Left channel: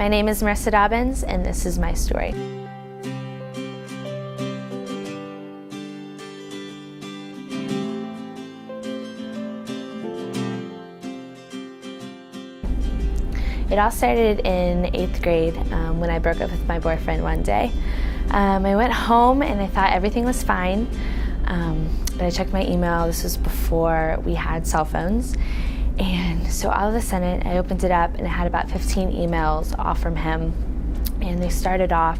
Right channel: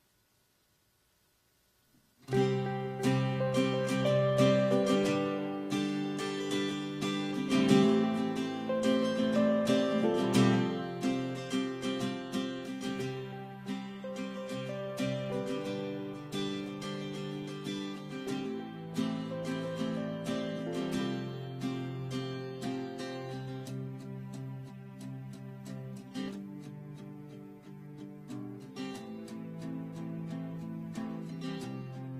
My name is Marisa Dobbins, and this is my story. It all started in 8th grade when I broke up with my boyfriend one day. I went home and I thought everything was fine. But I checked my email. This was before we had cell phones. And so all of a sudden I opened it up and it had about 15 emails all from him. And they started off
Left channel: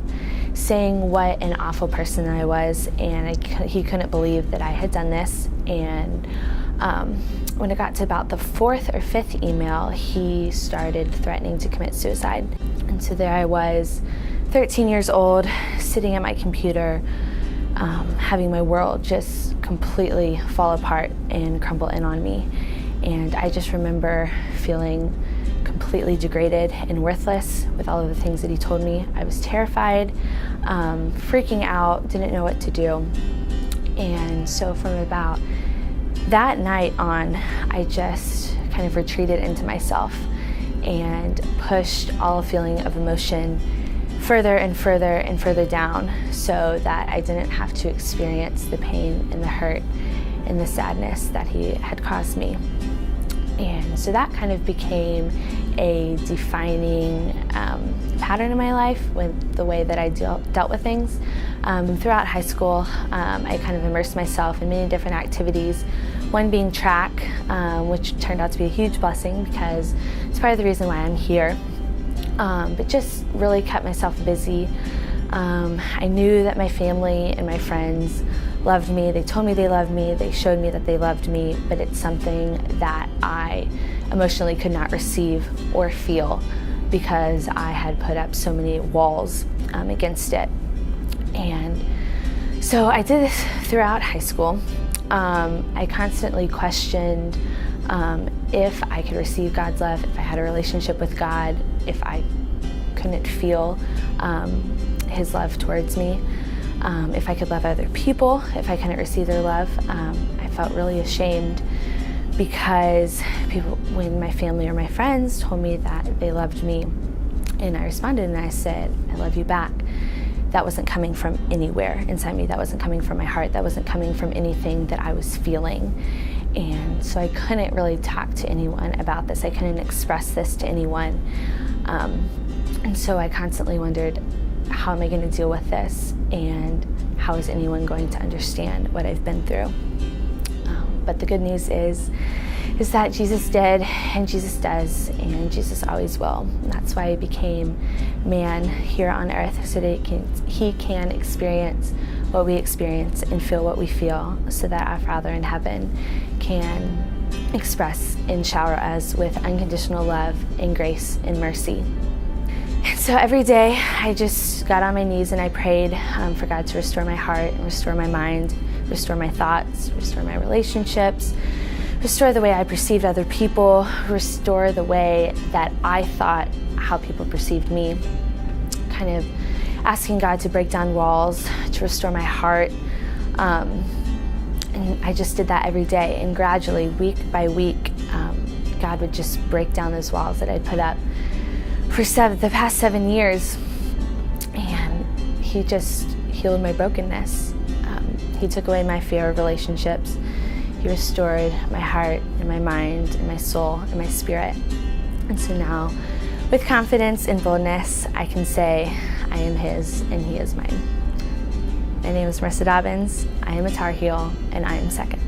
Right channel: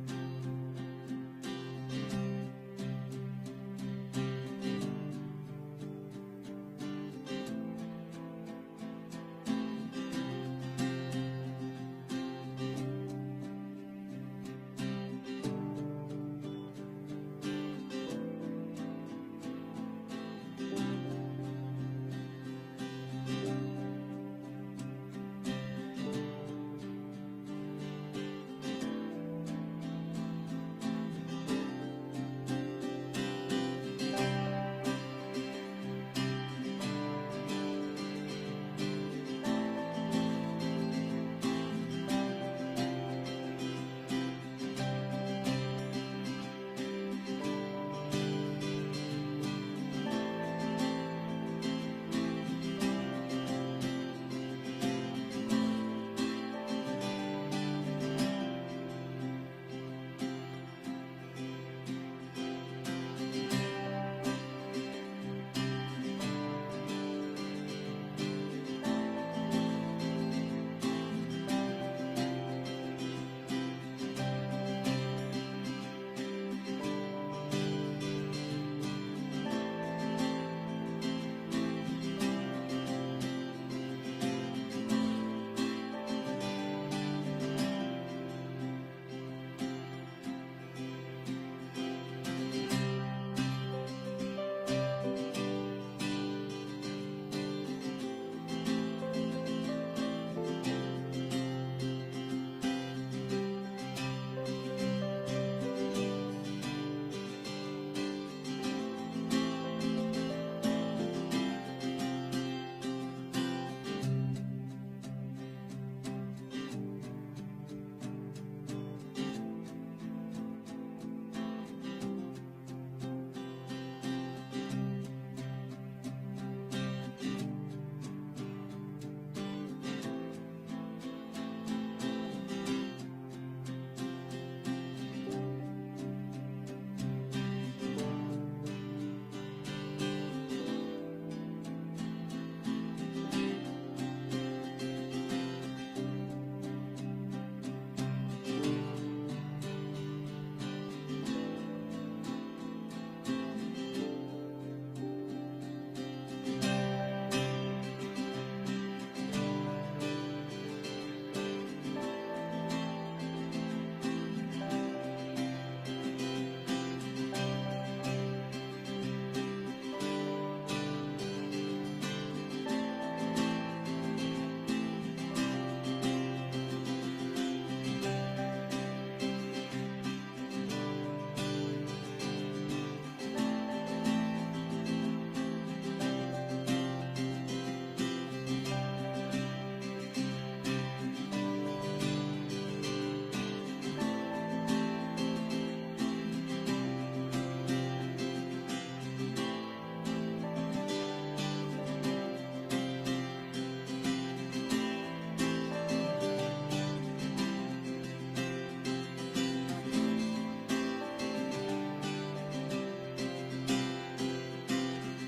saying what an awful person I was, and he couldn't believe that I had done this. And when it got to about the 4th or 5th email, he started threatening to commit suicide. And so there I was, 13 years old, sitting at my computer, having my world just completely fall apart and crumble in on me. And I just remember feeling completely degraded and worthless with all of the things that he told me. I was terrified, freaking out, didn't know what to do. And so from about that night on, I just kind of retreated into myself and pushed all feeling of emotion further and further and further down so that I didn't have to experience the pain and the hurt and the sadness that he had caused me. And so that kind of became a defining pattern in my life with the way that I dealt with things. And throughout high school, I kind of immersed myself in many different activities, one being track, which turned out to be a huge blessing because it's part of the reason why I'm here. But just really kept myself busy. I knew that my family and my friends loved me. They told me they loved me. They showed me that they loved me, but it's something that I emotionally could not receive or feel because I had put up so many walls against it. And so I did this throughout high school. I constantly questioned if I could receive God's love, if I had a relationship with God, if I couldn't feel His love towards me, if I could love other people, if I couldn't receive their love. I felt really ashamed because people, when my family or my friends told me that they loved me, and I responded and I said, I love you back. That wasn't coming from anywhere inside me. That wasn't coming from my heart. That wasn't coming from anything that I was feeling. And so I couldn't really talk to anyone about this. I couldn't express this to anyone. And so I constantly wondered, how am I going to deal with this? And how is anyone going to understand what I've been through? But the good news is that Jesus did, and Jesus does, and Jesus always will. And that's why He became man here on earth, so that He can experience what we experience and feel what we feel, so that our Father in heaven can express and shower us with unconditional love and grace and mercy. And so every day I just got on my knees and I prayed for God to restore my heart, restore my mind, restore my thoughts, restore my relationships, restore the way I perceived other people, restore the way that I thought how people perceived me. Kind of asking God to break down walls, to restore my heart. And I just did that every day. And gradually, week by week, God would just break down those walls that I'd put up for the past 7 years. And He just healed my brokenness. He took away my fear of relationships. He restored my heart and my mind and my soul and my spirit. And so now, with confidence and boldness, I can say I am His and He is mine. My name is Marisa Dobbins. I am a Tar Heel, and I am second.